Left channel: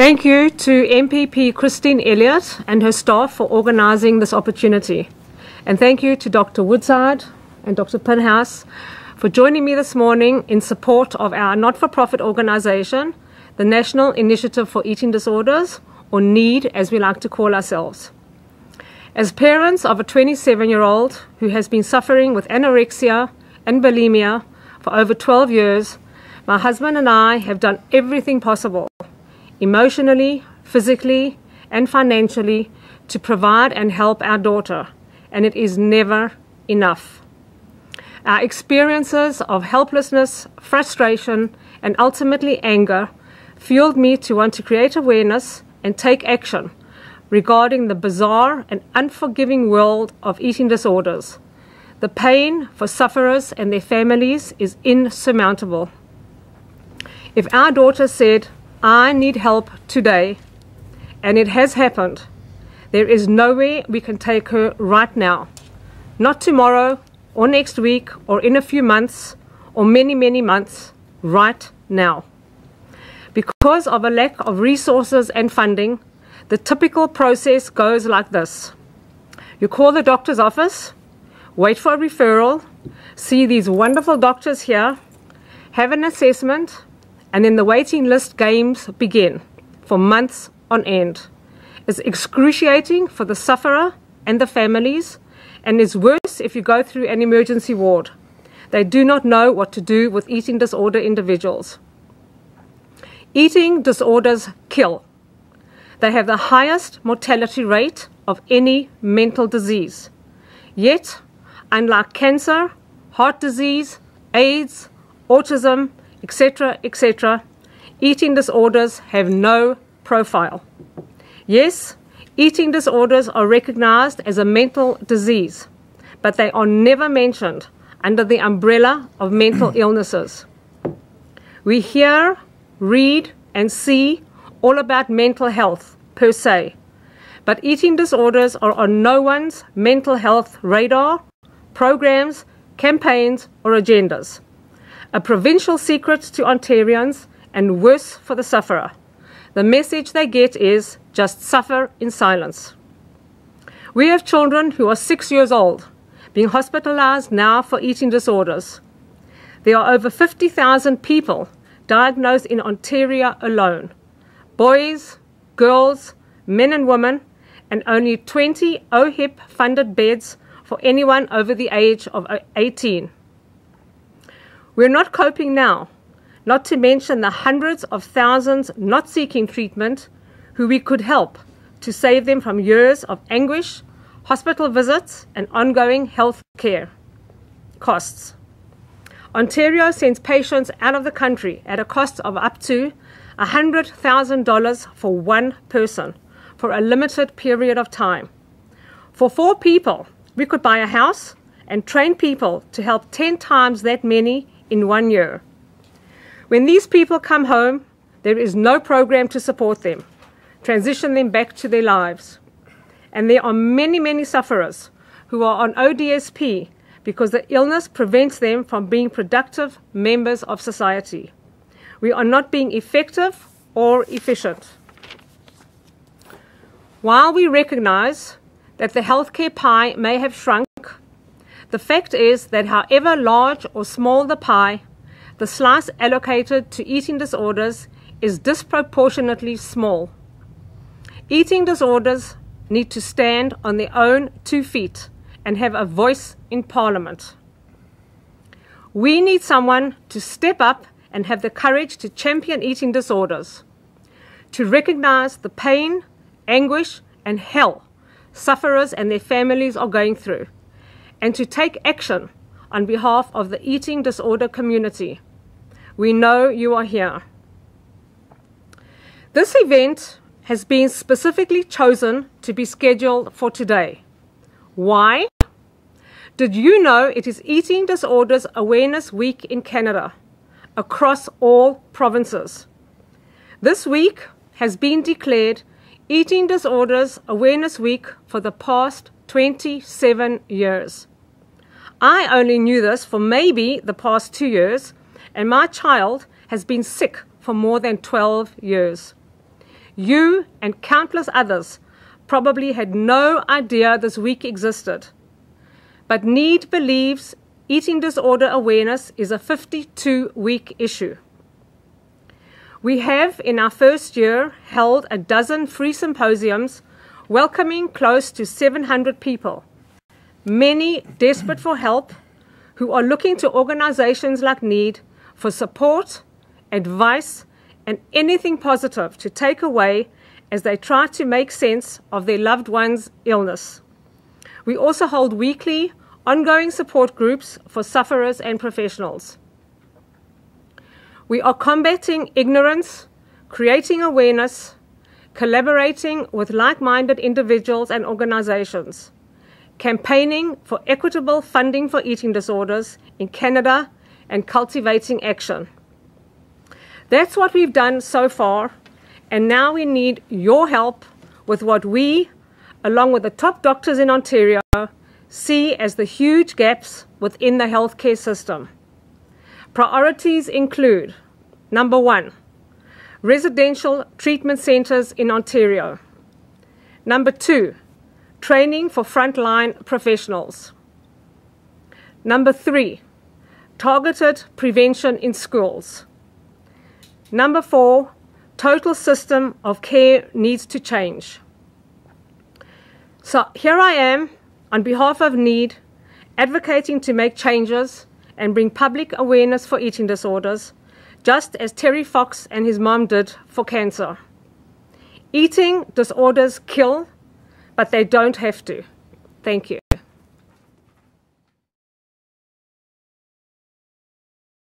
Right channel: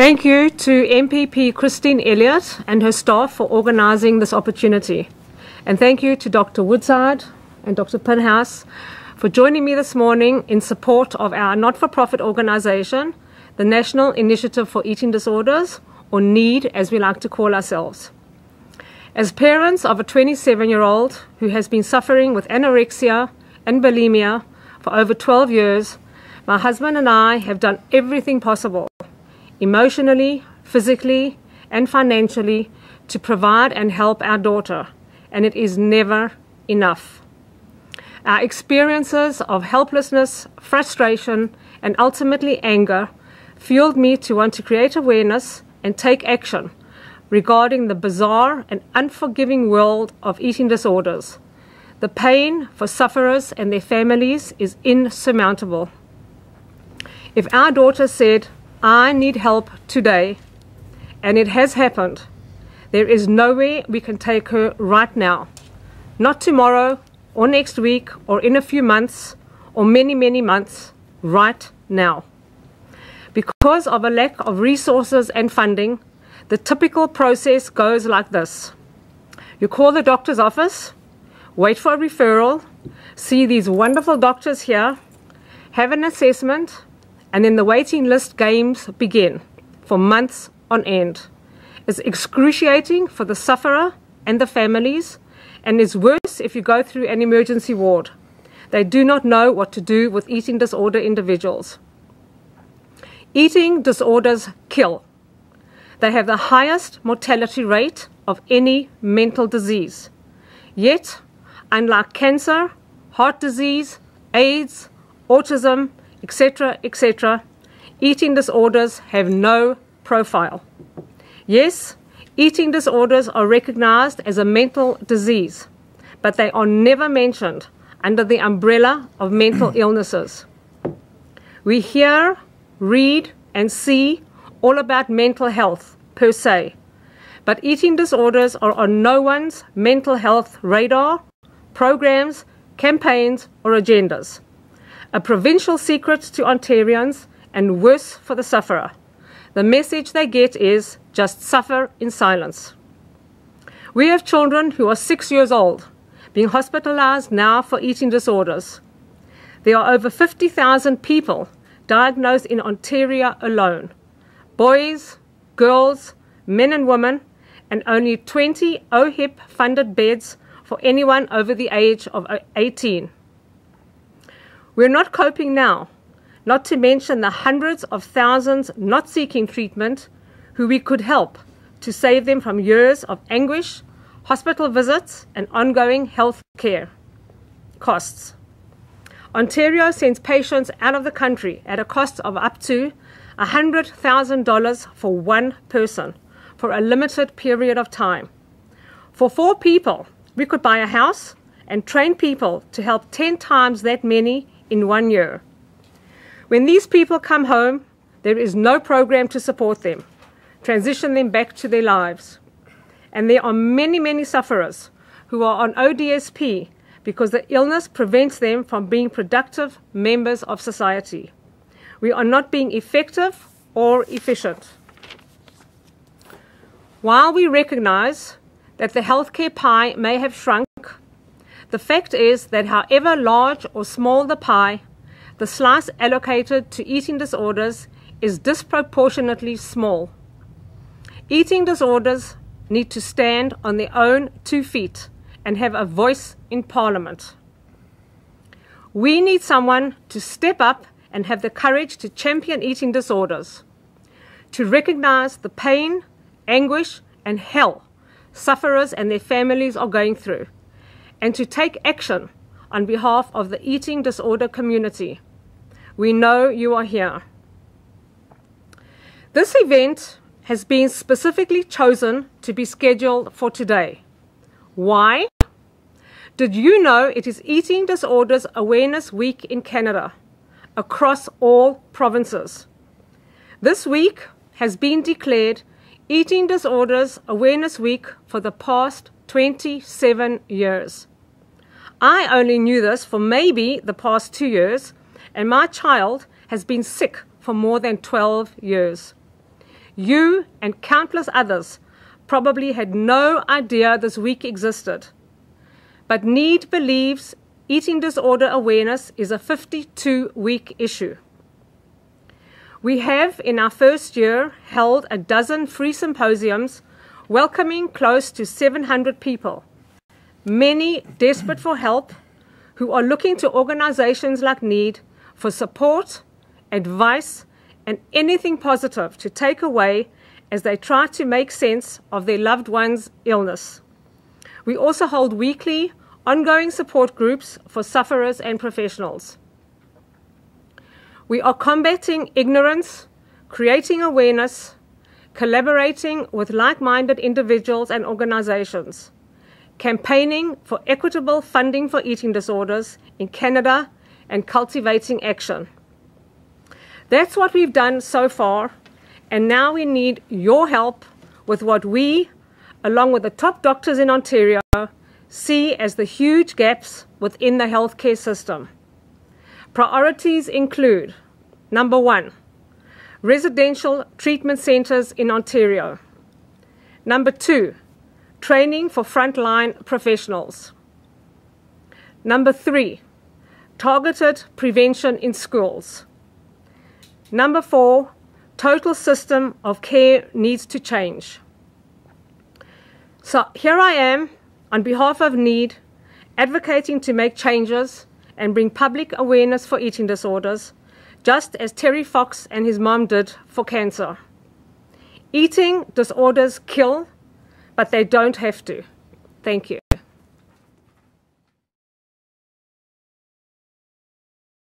Thank you to MPP Christine Elliott and her staff for organising this opportunity. And thank you to Dr. Woodside and Dr. Pinhouse for joining me this morning in support of our not-for-profit organisation, the National Initiative for Eating Disorders, or NIED as we like to call ourselves. As parents of a 27-year-old who has been suffering with anorexia and bulimia for over 12 years, my husband and I have done everything possible, emotionally, physically, and financially, to provide and help our daughter, and it is never enough. Our experiences of helplessness, frustration, and ultimately anger fueled me to want to create awareness and take action regarding the bizarre and unforgiving world of eating disorders. The pain for sufferers and their families is insurmountable. If our daughter said, "I need help today," and it has happened, there is nowhere we can take her right now. Not tomorrow, or next week, or in a few months, or many, many months, right now. Because of a lack of resources and funding, the typical process goes like this. You call the doctor's office, wait for a referral, see these wonderful doctors here, have an assessment, and then the waiting list games begin for months on end. It's excruciating for the sufferer and the families, and is worse if you go through an emergency ward. They do not know what to do with eating disorder individuals. Eating disorders kill. They have the highest mortality rate of any mental disease. Yet, unlike cancer, heart disease, AIDS, autism, etc., etc., eating disorders have no profile. Yes, eating disorders are recognized as a mental disease, but they are never mentioned under the umbrella of mental illnesses. We hear, read, and see all about mental health per se, but eating disorders are on no one's mental health radar, programs, campaigns, or agendas. A provincial secret to Ontarians, and worse for the sufferer. The message they get is, just suffer in silence. We have children who are 6 years old, being hospitalized now for eating disorders. There are over 50,000 people diagnosed in Ontario alone. Boys, girls, men and women, and only 20 OHIP-funded beds for anyone over the age of 18. We're not coping now, not to mention the hundreds of thousands not seeking treatment who we could help to save them from years of anguish, hospital visits, and ongoing health care costs. Ontario sends patients out of the country at a cost of up to $100,000 for one person for a limited period of time. For 4 people, we could buy a house and train people to help 10 times that many in 1 year. When these people come home, there is no program to support them, transition them back to their lives. And there are many, many sufferers who are on ODSP because the illness prevents them from being productive members of society. We are not being effective or efficient. While we recognize that the healthcare pie may have shrunk, the fact is that however large or small the pie, the slice allocated to eating disorders is disproportionately small. Eating disorders need to stand on their own 2 feet and have a voice in Parliament. We need someone to step up and have the courage to champion eating disorders, to recognize the pain, anguish, and hell sufferers and their families are going through, and to take action on behalf of the eating disorder community. We know you are here. This event has been specifically chosen to be scheduled for today. Why? Did you know it is Eating Disorders Awareness Week in Canada, across all provinces? This week has been declared Eating Disorders Awareness Week for the past 27 years. I only knew this for maybe the past 2 years, and my child has been sick for more than 12 years. You and countless others probably had no idea this week existed. But NIED believes eating disorder awareness is a 52-week issue. We have, in our first year, held a dozen free symposiums welcoming close to 700 people, many desperate for help, who are looking to organizations like NIED for support, advice, and anything positive to take away as they try to make sense of their loved one's illness. We also hold weekly, ongoing support groups for sufferers and professionals. We are combating ignorance, creating awareness, collaborating with like-minded individuals and organizations, campaigning for equitable funding for eating disorders in Canada, and cultivating action. That's what we've done so far, and now we need your help with what we, along with the top doctors in Ontario, see as the huge gaps within the healthcare system. Priorities include, number 1, residential treatment centres in Ontario. Number 2, training for frontline professionals. Number 3, targeted prevention in schools. Number 4, total system of care needs to change. So here I am, on behalf of NIED, advocating to make changes and bring public awareness for eating disorders, just as Terry Fox and his mom did for cancer. Eating disorders kill, but they don't have to. Thank you.